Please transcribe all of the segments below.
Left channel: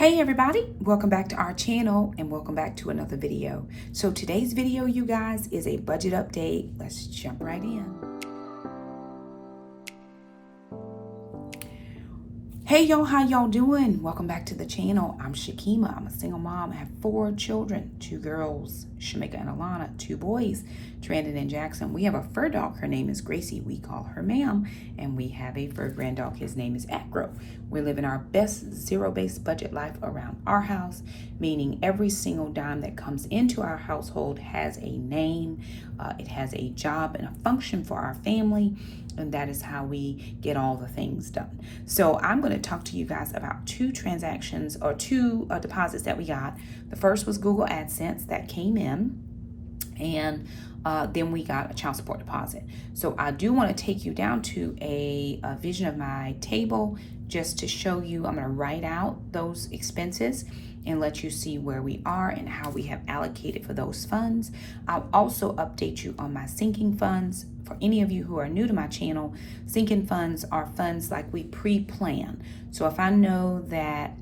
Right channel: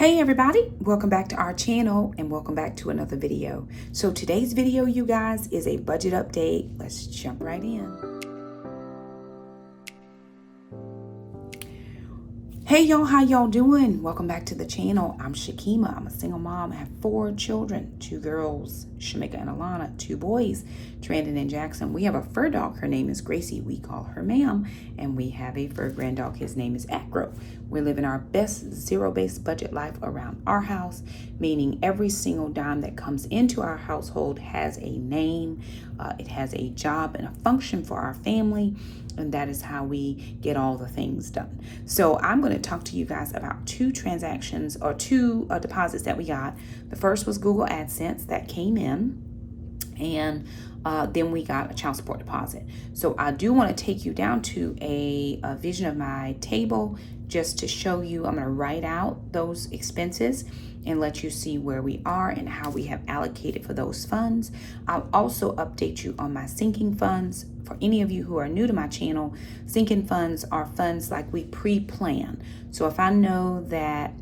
Hey everybody, welcome back to our channel and welcome back to another video. So today's video, you guys, is a budget update. Let's jump right in. Hey y'all, how y'all doing? Welcome back to the channel. I'm Shakema. I'm a single mom. I have 4 children, 2 girls, Shamika and Alana, 2 boys, Trandon and Jackson. We have a fur dog. Her name is Gracie. We call her Ma'am. And we have a fur grand dog. His name is Acro. We're living our best zero-based budget life around our house, meaning every single dime that comes into our household has a name, it has a job and a function for our family. And that is how we get all the things done. So I'm going to talk to you guys about 2 transactions or 2 deposits that we got. The first was Google AdSense that came in, and then we got a child support deposit. So I do want to take you down to a vision of my table just to show you. I'm going to write out those expenses and let you see where we are and how we have allocated for those funds. I'll also update you on my sinking funds. For any of you who are new to my channel, sinking funds are funds like we pre-plan. So if I know that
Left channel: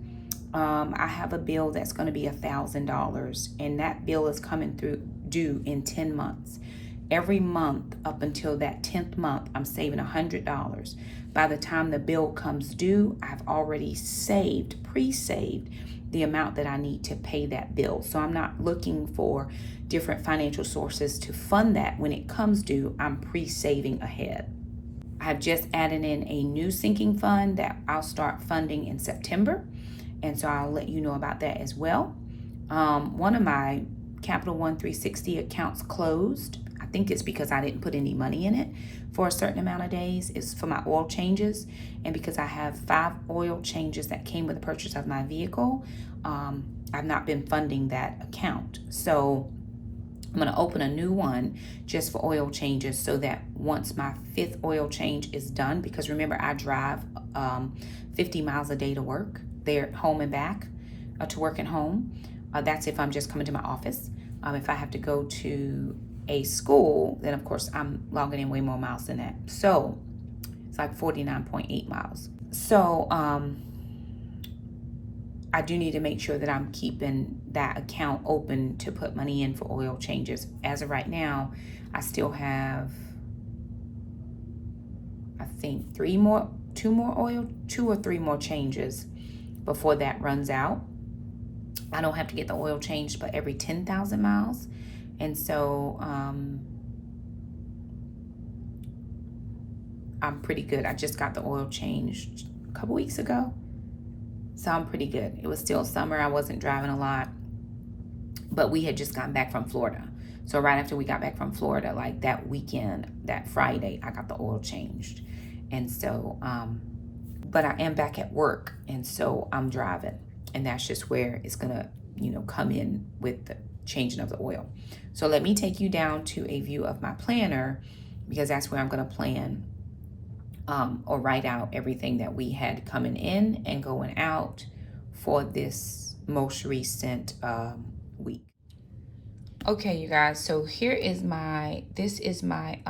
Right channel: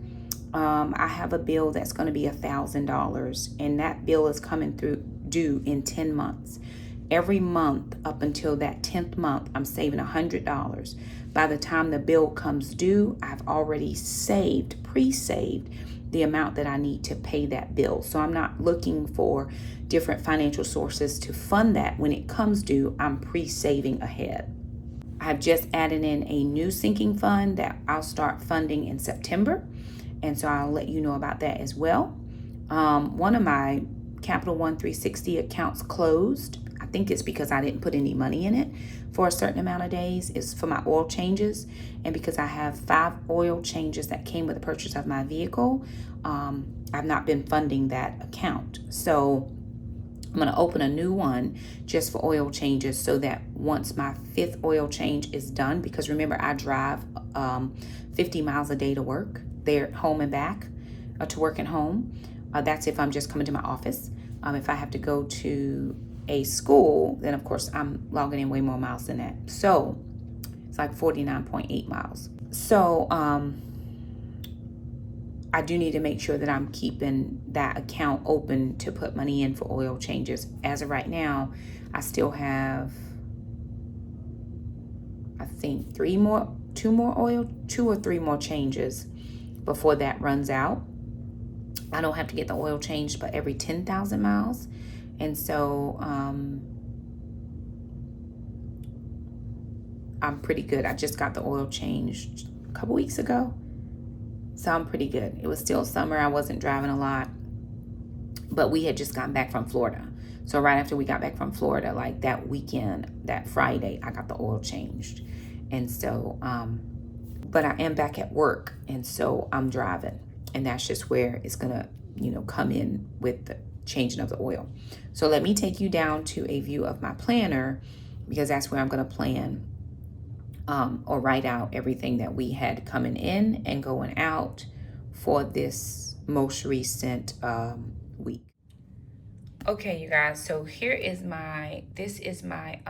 I have a bill that's going to be $1,000 and that bill is coming through due in 10 months. Every month up until that 10th month, I'm saving $100. By the time the bill comes due, I've already pre-saved the amount that I need to pay that bill. So I'm not looking for different financial sources to fund that. When it comes due, I'm pre-saving ahead. I've just added in a new sinking fund that I'll start funding in September. And so I'll let you know about that as well. One of my Capital One 360 accounts closed. I think it's because I didn't put any money in it for a certain amount of days. It's for my oil changes. And because I have 5 oil changes that came with the purchase of my vehicle, I've not been funding that account. So I'm going to open a new one just for oil changes so that once my 5th oil change is done, because remember I drive 50 miles a day to work, there, home and back, to work and home. That's if I'm just coming to my office. If I have to go to a school, then of course I'm logging in way more miles than that. So it's like 49.8 miles. So I do need to make sure that I'm keeping that account open to put money in for oil changes. As of right now, I still have, I think 2 or 3 more changes before that runs out. I don't have to get the oil changed but every 10,000 miles. And so I'm pretty good. I just got the oil changed a couple weeks ago. So I'm pretty good. It was still summer. I wasn't driving a lot. But we had just gotten back from Florida. So right after we got back from Florida, like that weekend, that Friday, I got the oil changed. And so, but I am back at work. And so I'm driving. And that's just where it's going to, come in with the changing of the oil. So let me take you down to a view of my planner, because that's where I'm going to plan or write out everything that we had coming in and going out for this most recent week. Okay, you guys, so here is this is my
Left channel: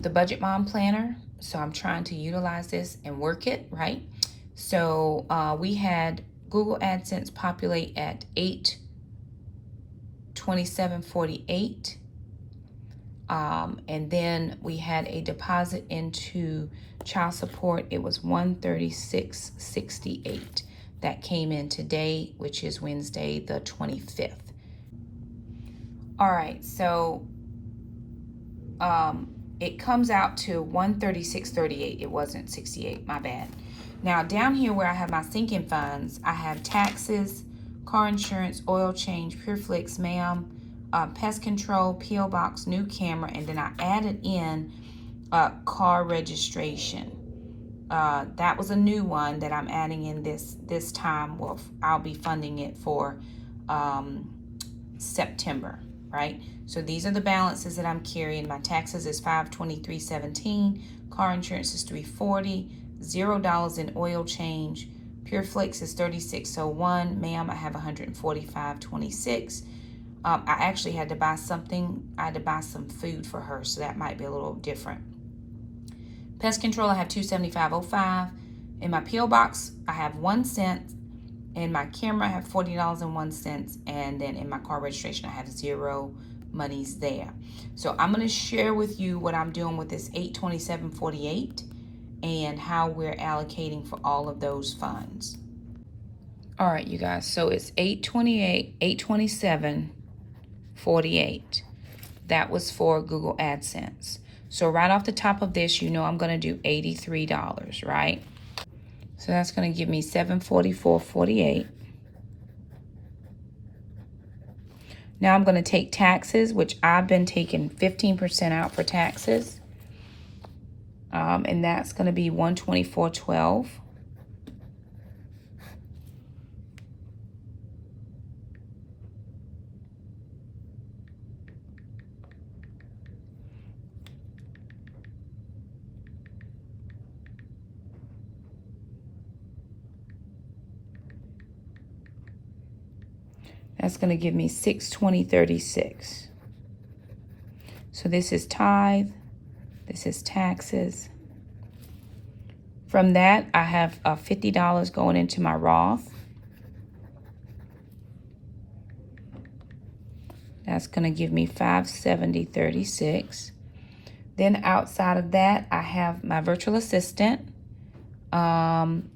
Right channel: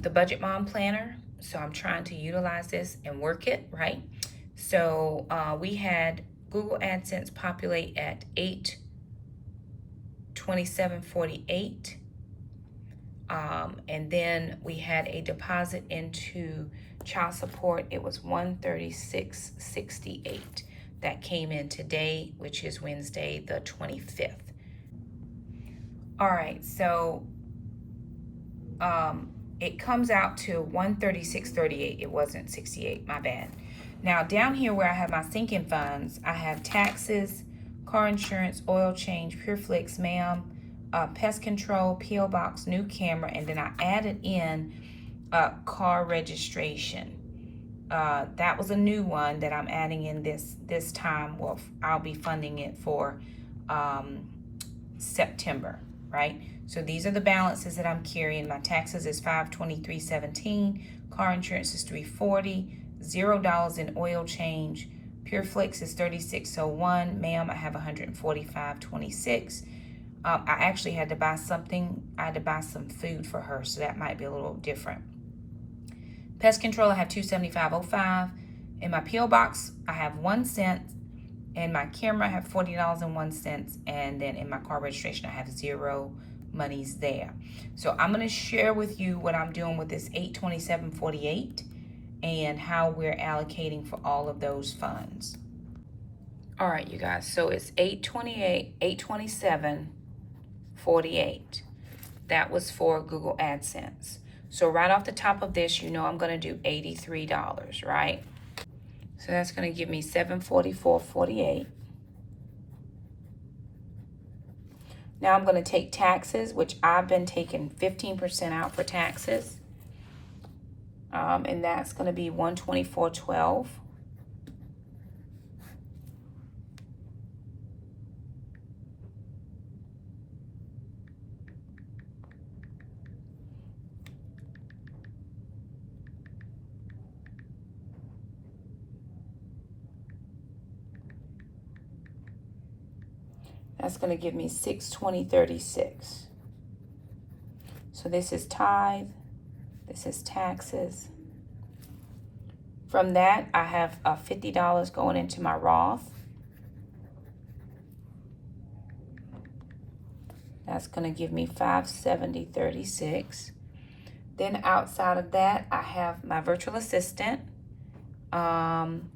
the Budget Mom Planner. So I'm trying to utilize this and work it, right? So we had Google AdSense populate at 827.48. And then we had a deposit into child support. It was 136.68 that came in today, which is Wednesday the 25th. All right, so it comes out to 136.38. It wasn't 68, my bad. Now down here where I have my sinking funds, I have taxes, car insurance, oil change, PureFlix, Ma'am, pest control, P.O. box, new camera, and then I added in car registration. That was a new one that I'm adding in this time. Well, I'll be funding it for September, right? So these are the balances that I'm carrying. My taxes is $523.17. Car insurance is $340. $0 in oil change. PureFlix is $36.01. Ma'am, I have $145.26. I actually had to buy something. I had to buy some food for her, so that might be a little different. Pest control, I have $275.05. In my P.O. box, I have 1 cent. In my camera, I have $40.01, and then in my car registration, I have zero monies there. So I'm going to share with you what I'm doing with this $827.48 and how we're allocating for all of those funds. All right, you guys, so it's $827.48. That was for Google AdSense. So right off the top of this, you know I'm going to do $83, right? So that's going to give me $744.48. Now I'm going to take taxes, which I've been taking 15% out for taxes. And that's going to be $124.12. That's going to give me $620.36. So this is tithe. This is taxes. From that, I have $50 going into my Roth. That's going to give me $570.36. Then outside of that, I have my virtual assistant. I'm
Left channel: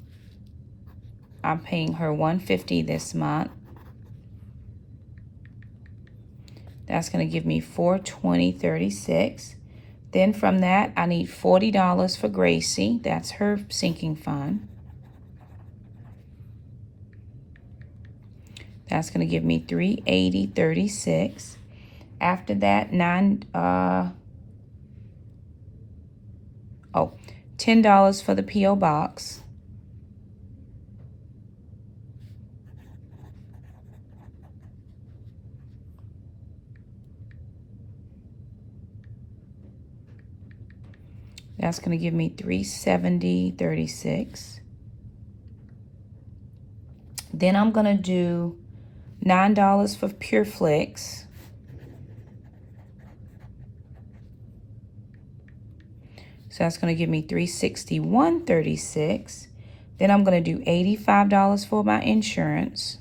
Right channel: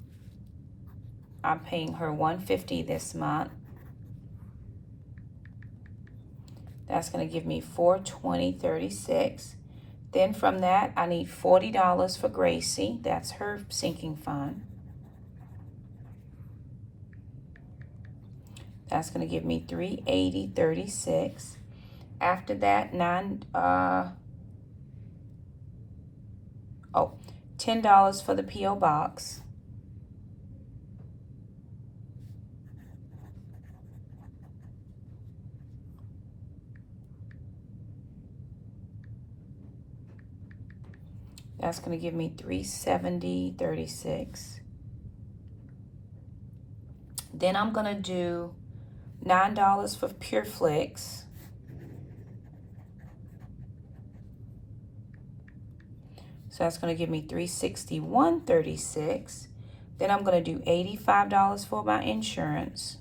paying her $150 this month. That's going to give me $420.36. Then from that, I need $40 for Gracie. That's her sinking fund. That's going to give me $380.36. After that, $10 for the P.O. box. That's going to give me $370.36. Then I'm going to do $9 for Pure Flix. So that's going to give me $361.36. Then I'm going to do $85 for my insurance.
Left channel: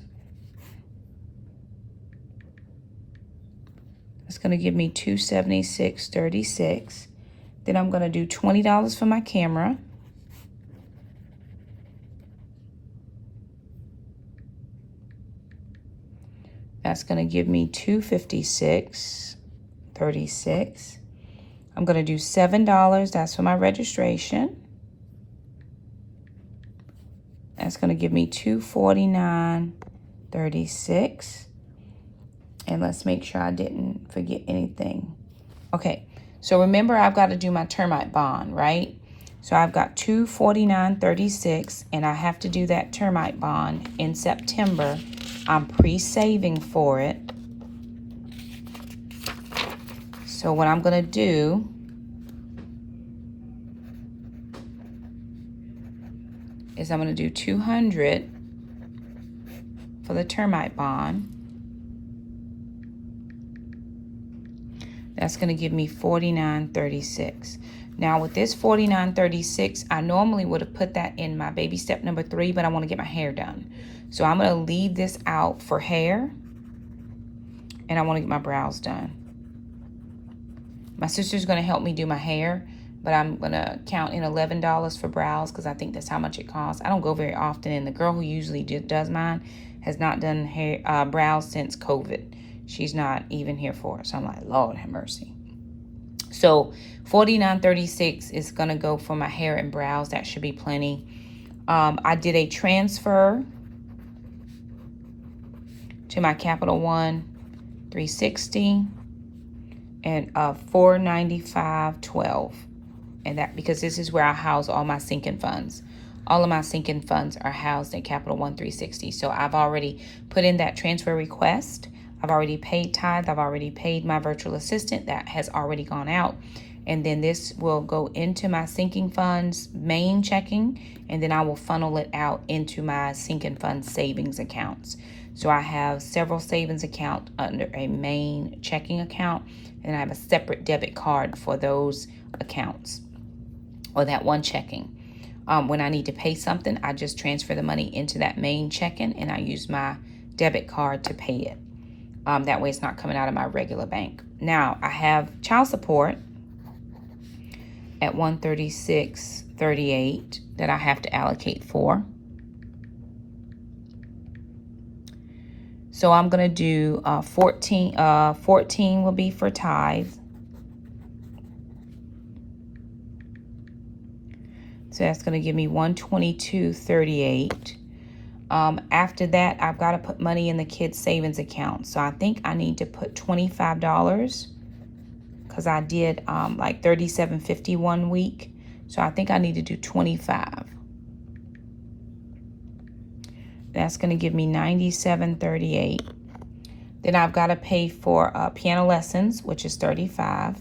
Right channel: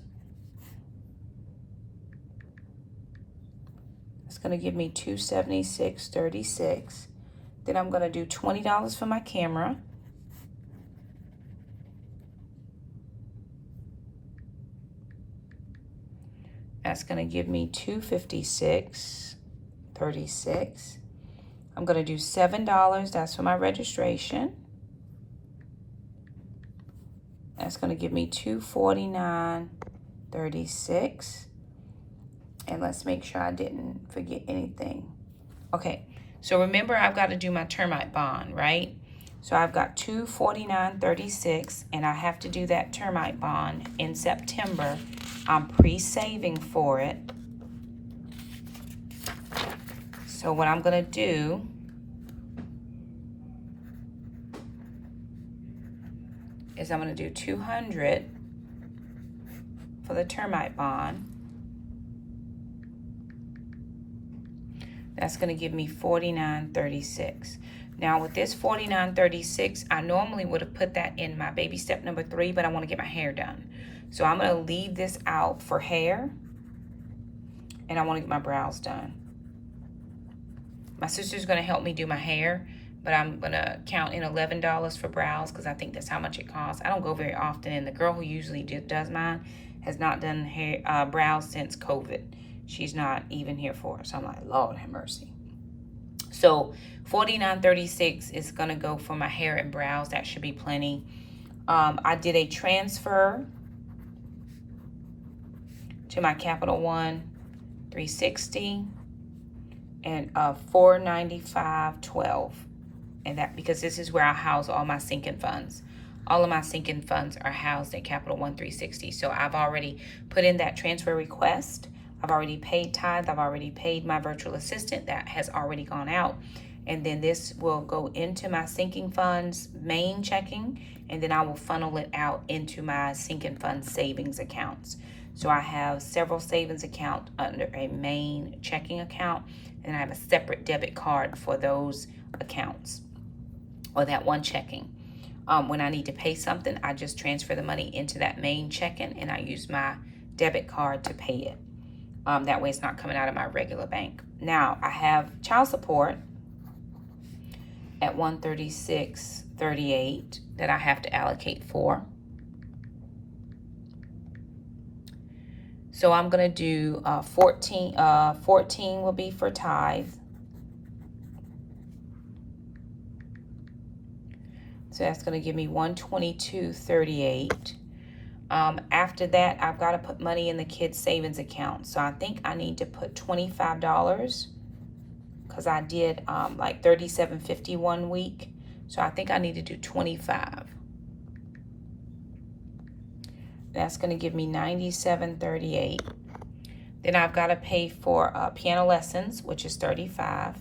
That's going to give me $276.36. Then I'm going to do $20 for my camera. That's going to give me $256.36. I'm going to do $7. That's for my registration. That's going to give me $249.36. And let's make sure I didn't forget anything. Okay. So remember, I've got to do my termite bond, right? So I've got $249.36, and I have to do that termite bond in September. I'm pre-saving for it. So what I'm going to do is I'm going to do $200 for the termite bond. That's going to give me $49.36. Now with this $49.36, I normally would have put that in my baby step number 3, but I want to get my hair done. So I'm going to leave this out for hair, and I want to get my brows done. My sister's going to help me do my hair, but I'm going to count in $11 for brows because I think that's how much it costs. I don't go very often, and the girl who usually does mine has not done hair, brows since COVID. She's not even here for it. So I'm like, Lord have mercy. So $49.36 is going to go for my hair and brows. That should be plenty. I did a transfer to my Capital One $360 and $495.12. And that because this is where I house all my sinking funds. All of my sinking funds are housed at Capital One $360. So I've already put in that transfer request. I've already paid tithe. I've already paid my virtual assistant. That has already gone out. And then this will go into my sinking funds main checking, and then I will funnel it out into my sinking fund savings accounts. So I have several savings accounts under a main checking account, and I have a separate debit card for those accounts, or that one checking. When I need to pay something, I just transfer the money into that main checking, and I use my debit card to pay it. That way it's not coming out of my regular bank. Now, I have child support at $136.38 that I have to allocate for. So I'm going to do 14 will be for tithe. So that's going to give me $122.38. After that, I've got to put money in the kids' savings account. So I think I need to put $25 because I did like $37.50 1 week. So I think I need to do 25. That's going to give me $97.38. Then I've got to pay for piano lessons, which is $35.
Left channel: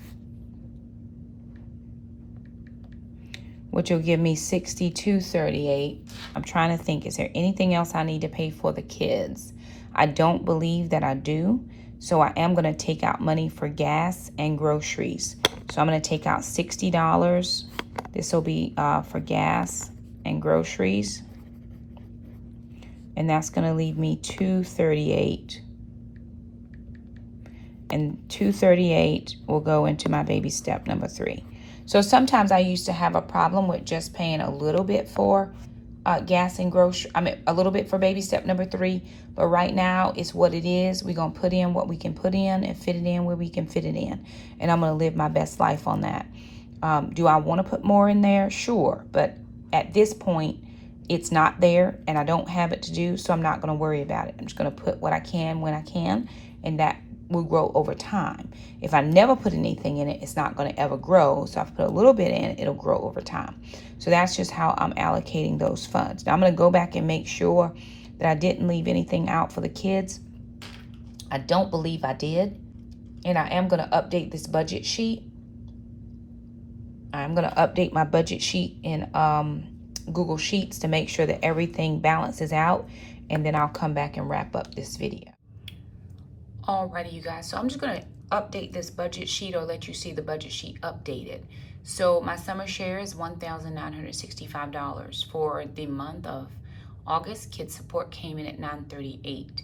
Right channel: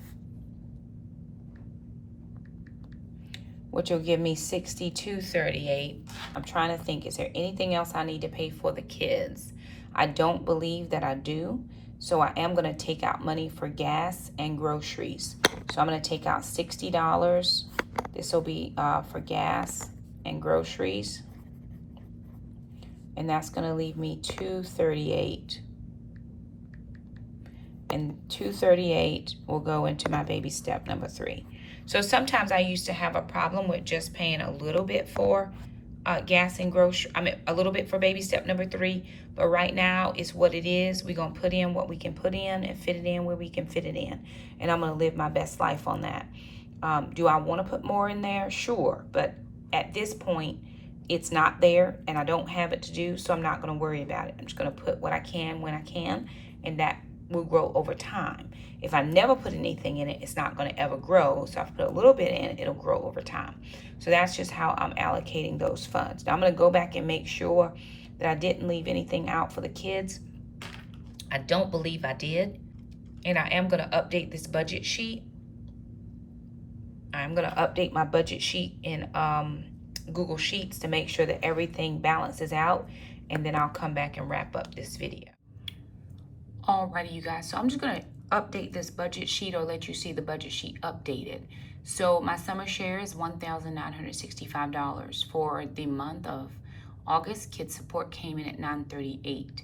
Which will give me $62.38. I'm trying to think, is there anything else I need to pay for the kids? I don't believe that I do. So I am going to take out money for gas and groceries. So I'm going to take out $60. This will be for gas and groceries. And that's going to leave me $238. And $238 will go into my baby step number 3. So sometimes I used to have a problem with just paying a little bit for gas and grocery. A little bit for baby step number 3. But right now, it's what it is. We're going to put in what we can put in and fit it in where we can fit it in. And I'm going to live my best life on that. Do I want to put more in there? Sure. But at this point, it's not there and I don't have it to do. So I'm not going to worry about it. I'm just going to put what I can when I can. And that will grow over time. If I never put anything in it, it's not going to ever grow. So if I put a little bit in it, it'll grow over time. So that's just how I'm allocating those funds. Now I'm going to go back and make sure that I didn't leave anything out for the kids. I don't believe I did. And I am going to update this budget sheet. I'm going to update my budget sheet in Google Sheets to make sure that everything balances out. And then I'll come back and wrap up this video. Alrighty, you guys. So I'm just going to update this budget sheet or let you see the budget sheet updated. So my summer share is $1,965 for the month of August. Kids support came in at $938.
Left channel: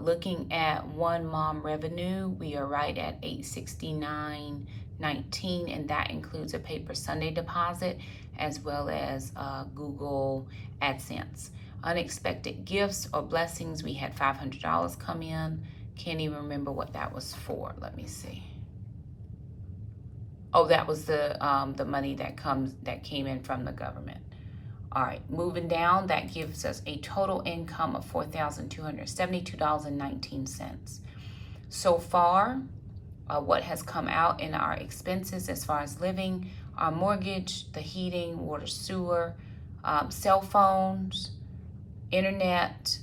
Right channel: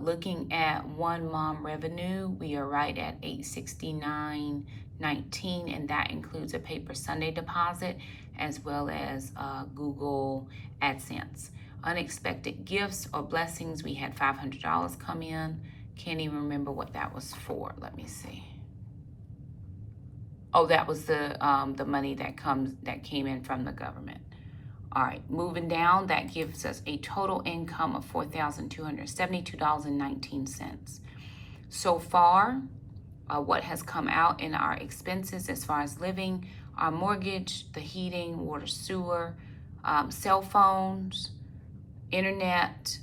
Looking at one mom revenue, we are right at $869.19, and that includes a paper Sunday deposit as well as Google AdSense. Unexpected gifts or blessings, we had $500 come in. Can't even remember what that was for. Let me see. Oh, that was the money that came in from the government. All right, moving down, that gives us a total income of $4,272.19. So far, what has come out in our expenses as far as living, our mortgage, the heating, water, sewer, cell phones, internet,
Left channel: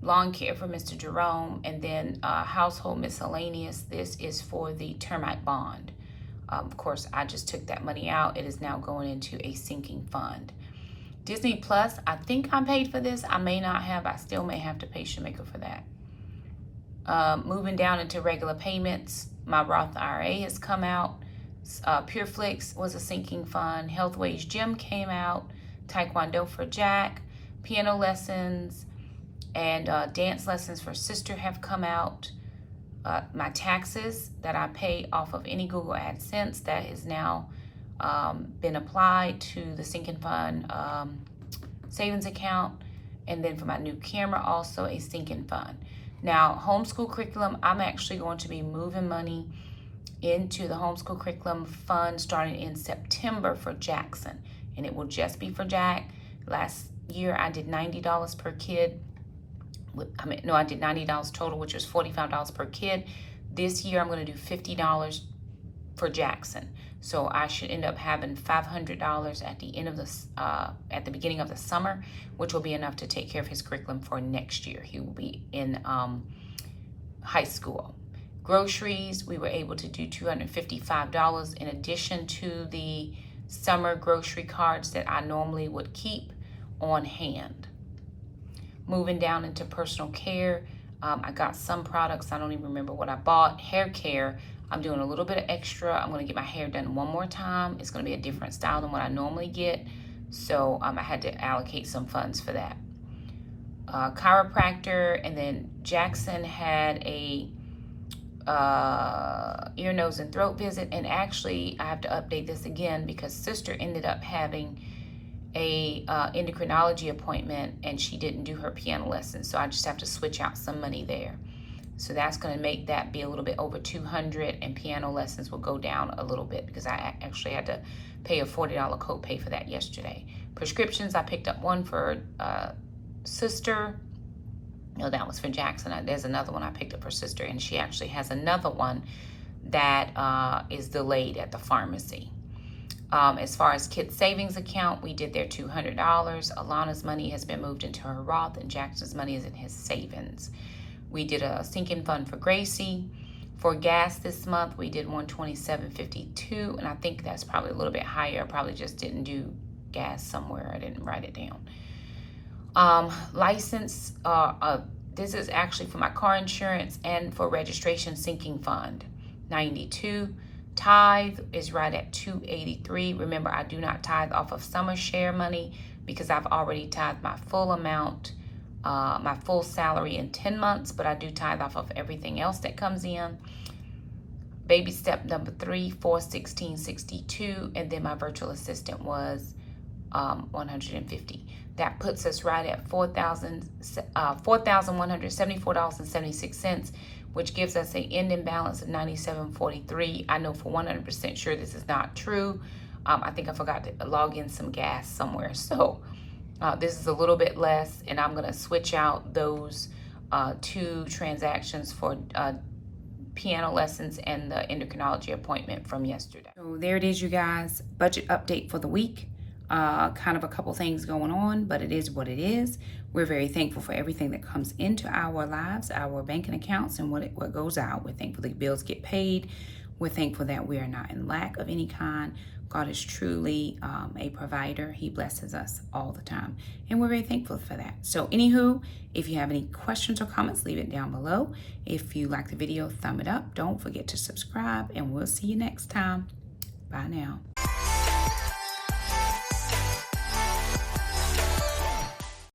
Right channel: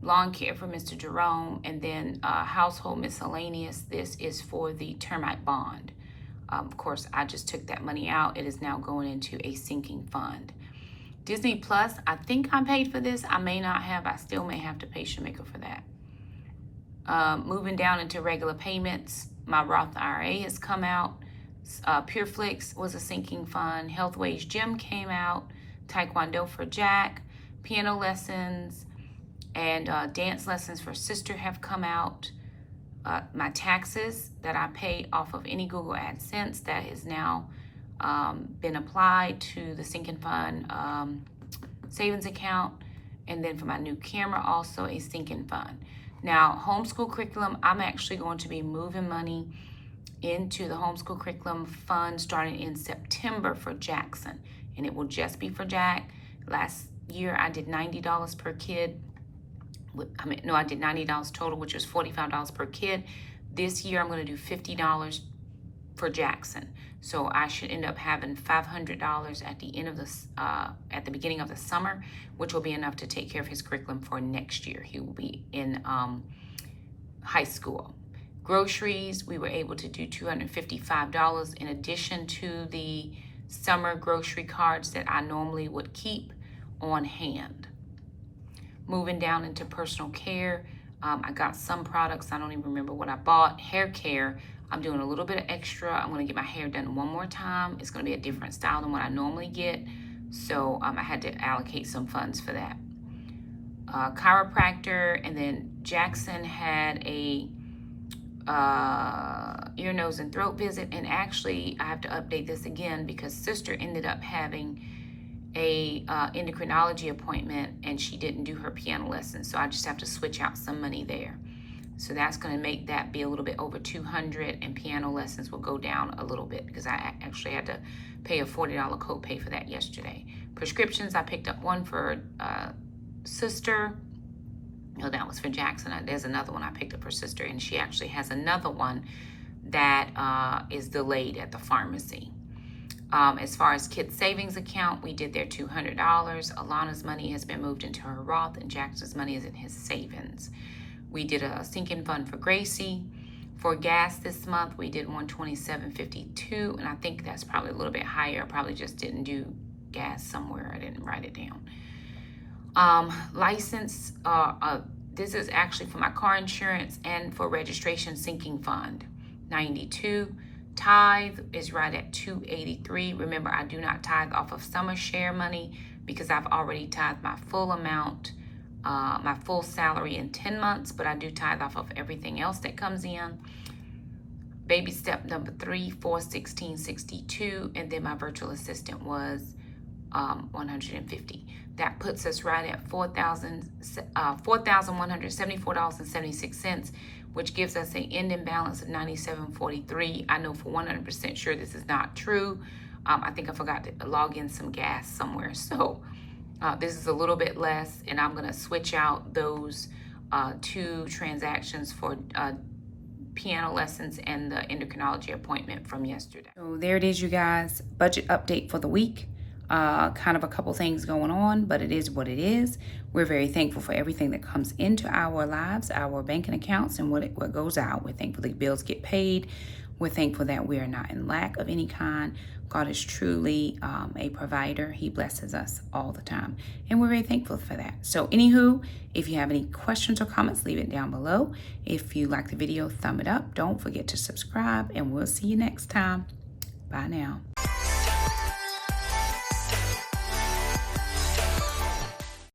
lawn care for Mr. Jerome, and then household miscellaneous. This is for the termite bond. Of course, I just took that money out. It is now going into a sinking fund. Disney Plus, I think I'm paid for this. I may not have. I still may have to pay Shakema for that. Moving down into regular payments, my Roth IRA has come out. PureFlix was a sinking fund. Health Wage Gym came out. Taekwondo for Jack. Piano lessons and dance lessons for sister have come out. My taxes that I pay off of any Google AdSense, that has now been applied to the sinking fund savings account. And then for my new camera, also a sinking fund. Now, Homeschool Curriculum, I'm actually going to be moving money into the Homeschool Curriculum fund starting in September for Jackson. And it will just be for Jack. Last year, I did $90 per kid. I did $90 total, which was $45 per kid. This year, I'm going to do $50 for Jackson. So I should end up having $500 at the end of at the beginning of the summer, which will be enough to take care of his curriculum for next year. He will be in high school. Groceries, we were able to do $255 in addition to the summer grocery cards that I normally would keep on hand. Moving down into personal care, I got some products. I don't even remember what I bought. Hair care, I'm doing a little bit of extra. I'm going to get my hair done one more time. It's going to be a different style than what I normally get. So I had to allocate some funds for that. Chiropractor, and then Jackson had a ear, nose, and throat visit. And actually, I have to update this again because sister ended up having a endocrinology appointment, and she didn't do her piano lesson. So I just have to switch out some money there. So that's going to make that be a little bit over $200, and piano lessons will go down a little bit because I actually had to pay a $40 copay for that yesterday. Prescriptions, I picked up one for sister. No, that was for Jackson. There's another one I picked up for sister, and she actually has another one that is delayed at the pharmacy. As far as kids' savings account, we did their $200. Alana's money has been moved into her Roth, and Jackson's money is in his savings. We did a sinking fund for Gracie. For gas this month, we did $127.52, and I think that's probably a little bit higher. I probably just didn't do gas somewhere. I didn't write it down. License, this is actually for my car insurance and for registration sinking fund, $92. Tithe is right at $283. Remember, I do not tithe off of summer share money because I've already tithed my full amount, my full salary in 10 months, but I do tithe off of everything else that comes in. Baby step number 3, $416.62, and then my virtual assistant was $150. That puts us right at $4,174.76, which gives us an ending balance of $97.43. I know for 100% sure this is not true. I think I forgot to log in some gas somewhere. So this is a little bit less, and I'm going to switch out those 2 transactions for piano lessons and the endocrinology appointment from yesterday. So there it is, you guys. Budget update for the week. Kind of a couple things going on, but it is what it is. We're very thankful for everything that comes into our lives, our banking accounts, and what goes out. We're thankful that bills get paid. We're thankful that we are not in lack of any kind. God is truly a provider. He blesses us all the time, and we're very thankful for that. So anywho, if you have any questions or comments, leave it down below. If you like the video, thumb it up. Don't forget to subscribe, and we'll see you next time. Bye now.